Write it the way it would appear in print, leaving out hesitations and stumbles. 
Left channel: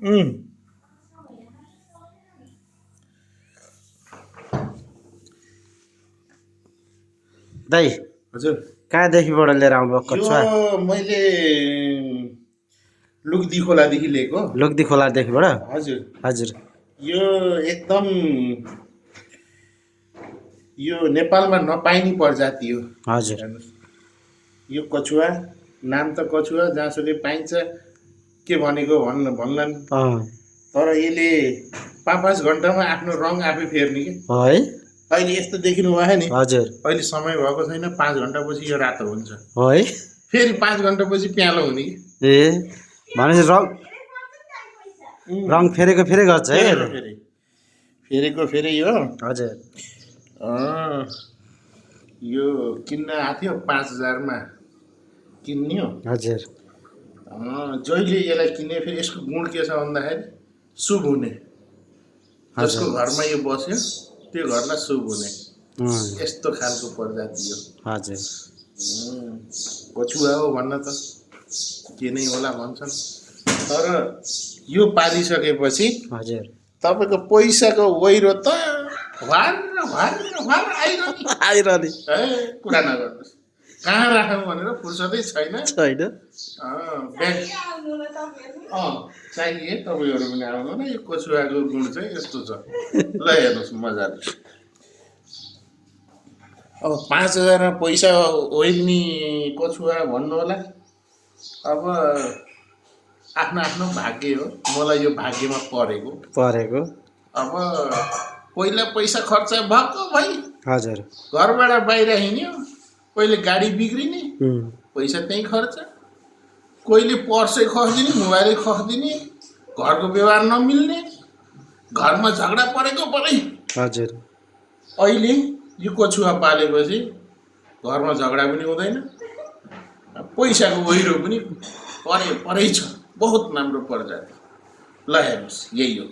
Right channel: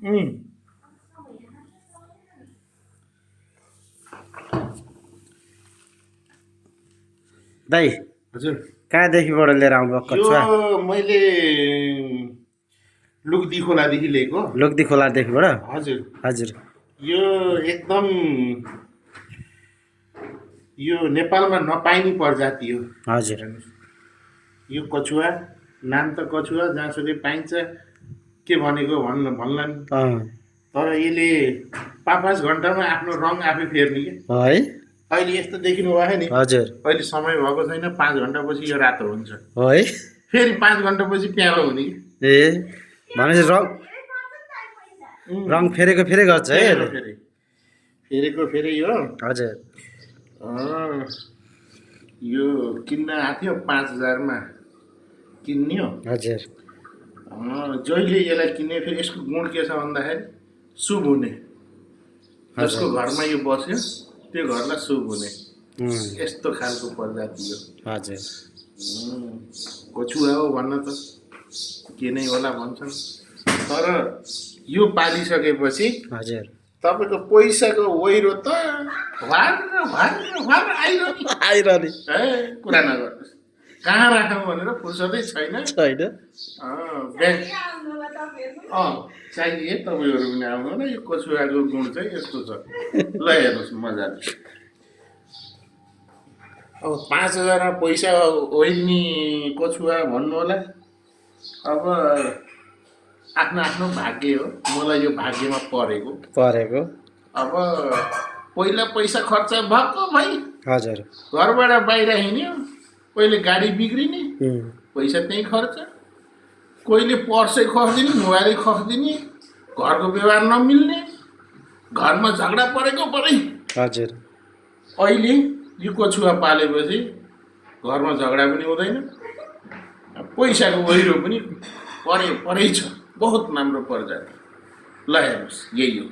दाइ हजुर कहाँदेखिबाट लिएर आउनु भएको यो कछुवा? मैले लुग्दी खोलादेखि लिएको। लोकदी खोलादेखिबाट? हजुर हजुर यो एकदम यो नेपालमा नपाइने प्रजाति हो। हजुर यो कछुवा नाम त कछुवा जहाँसुकै पाइन्छ के भनेको भन्लान् तर यसले 5-5 घन्टामा आफ्नो रङ आफै फेर्ने कि है। अहिले यस्तो देखिनु भयो नि। हजुर अहिले समय भएको छैन 5 घन्टापछि यो रातो हुन्छ है। फेरि 5 घन्टापछि प्यालो हुने कि ए भनेपछि रङ फेरेको फेरि गर्छ है यसले? फेरेको फेरि यो हजुर यो किन्न आएको थियो 5000 मा किन्ने हो। हजुर जहिले यसलाई किन्ने फेरि यसको गुण के छ भन्दाखेरि शुभ हुने। जसको घरमा यो बस्यो त्यो घरलाई शुभ हुने यस्तो खालको प्रजाति हो। हजुर कछुवा हो भन्न त के नै होला भन्छन् तर यो पालिसकेपछि हजुर तपाईँको पैसाको वैरो त भार आइरहने है कुरा नगर्नुहोस्। कहाँ राखौँ भनेर फुर्सदै छैन छैन। ब्याङ्क चाहिए तपाईँहरू पनि आउनु न। यो कछुवाको गुण चाहिँ यस्तो छ ल हेर्नुहोस् मजाले। अब 5000 पैसा ओइल्ने कछुवा भन्नु होला। अब आफ्नो आफ्नो भाग्य हो। मलाई यो भाग्यमा परेको अब पहिला पैसा खर्च भएको भाइ। हजुर घरबाट बाहिर हिँड्यो पहिले गाडी बिग्रिने पैसा त्यहीँ खर्च। कोहीले पर्सै खस्दिने मोबाइलै खस्दिने घरको व्यवहार नमिल्ने घरमा झगडा परेको परै। हजुर अहिले यो कछुवा पालेपछि घरमा झगडा पनि हुँदैन पैसाको वहिरो पनि परै छ। बहुत राम्रो प्रजाति ल हेर्नुहोस् यही हो।